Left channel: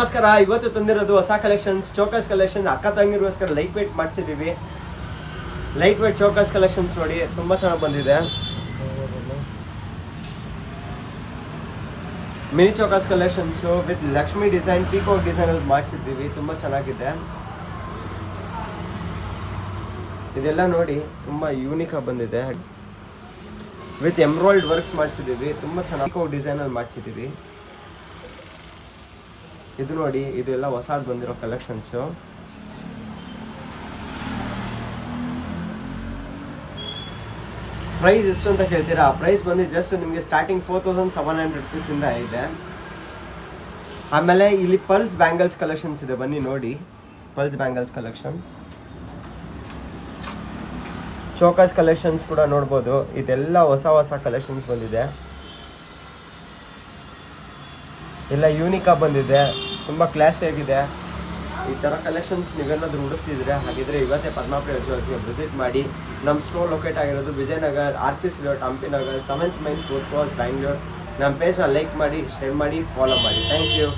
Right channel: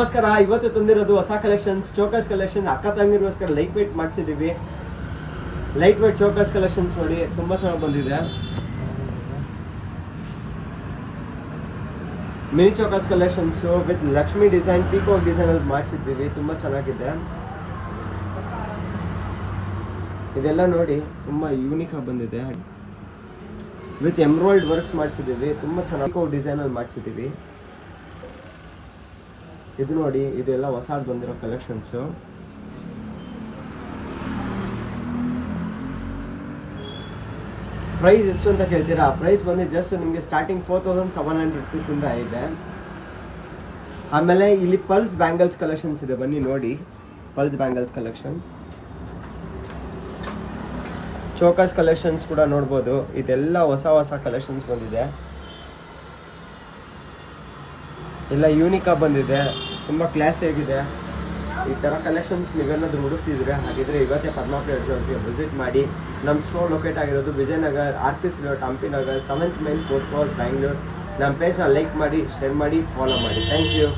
ನಮಸ್ಕಾರ. ಇವತ್ತು ತಂದಿರೋದು ಹೊಸ ಕಲೆಕ್ಷನ್ಸ್, ಚೋಕರ್ಸ್ ಕಲೆಕ್ಷನ್. ಅಕ್ಕ ತಂಗಿರೋಸ್ಕರ ಲೈಟ್ ವೇಟ್ ಮಾಡಿಸಿದ್ದೀವಿ. ಲೈಟ್ ವೇಟ್ ಚೋಕರ್ಸ್ ಕಲೆಕ್ಷನ್ಸ್ ನೋಡಿ, ತುಂಬ ಚೆನ್ನಾಗಿ ಬಂದಿದೆ. Mini chokers collections with Lakshmi design, peacock ಡಿಸೈನಲ್ಲಿ ಮಾಡಿಸಿದ್ದೀವಿ. ತುಂಬ ಚೆನ್ನಾಗಿದೆ. ಇದೆಲ್ಲ ನೋಡಿ ತುಂಬ ಯೂನಿಕಾಗಿ ಬಂದಿದೆ. ವಿತ್ ಎಂಬ್ರಾಯ್ಡ್ ವರ್ಕ್ಸ್ ಮಾಡಿಸಿದ್ದೀವಿ. ತುಂಬ ಚೆನ್ನಾಗಿ ಪೀಕಾಕ್ ಡಿಸೈನಲ್ಲಿ ಮಾಡಿಸಿದ್ದೀವಿ. ಇದು ನೋಡಿ, ಇದೆಲ್ಲ ಹೊಸದು ಬಂದಿರೋ ಕಲೆಕ್ಷನ್ಸು. ಪ್ರೈಸ್ ಎಷ್ಟು ಅಂತ ಕೇಳ್ತೀರಾ? ಪ್ರೈಸ್ ಬಂದು ಜಸ್ಟ್ ನಿಮಗೆ ಸ್ಟಾರ್ಟಿಂಗ್ 4700 rupees ಇದೆ. ಆಮೇಲೆ ಇಲ್ಲಿ ಪಲ್ಸ್ ಬ್ಯಾಂಗಲ್ಸ್ ಕಲೆಕ್ಷನ್ಸ್ ಇದೆ, ಬನ್ನಿ ನೋಡಿ. Pulse bangles collections, chokers collections ಕೂಡ ನೋಡ್ಬೋದು. ಇದೆಲ್ಲ ಹೊಸ ಕಲೆಕ್ಷನ್ಸ್ ಬಂದಿದೆ. ಎಲ್ಲ ಯೂನಿಕಾಗಿ ಬಂದಿದೆ, ತುಂಬ ಕ್ಲಾಸಿಯಾಗಿದೆ. ಈ ಥರ ಕಲೆಕ್ಷನ್ಸ್ ನೀವೇನಾದರೂ ಹುಡುಕ್ತಿದ್ರೆ ಹಾಗಿದ್ರೆ ಇವತ್ತೇ ಪದ್ಮಾಪುರ ಜ್ಯುವೆಲ್ಸ್ಗೆ ವಿಸಿಟ್ ಮಾಡಿ. ನಮ್ಮ ಸ್ಟೋರ್ ಲೊಕೇಟ್ ಆಗಿರೋದು Vijayanagar, RPC road, Hampi Nagar, 7th mile, 4th cross, Bangalore. ನಮ್ಮ ಪೇಜ್ನ ಲೈಕ್ ಮಾಡಿ, ಶೇರ್ ಮಾಡಿ, ಫಾಲೋ ಮಾಡಿ. Thank you.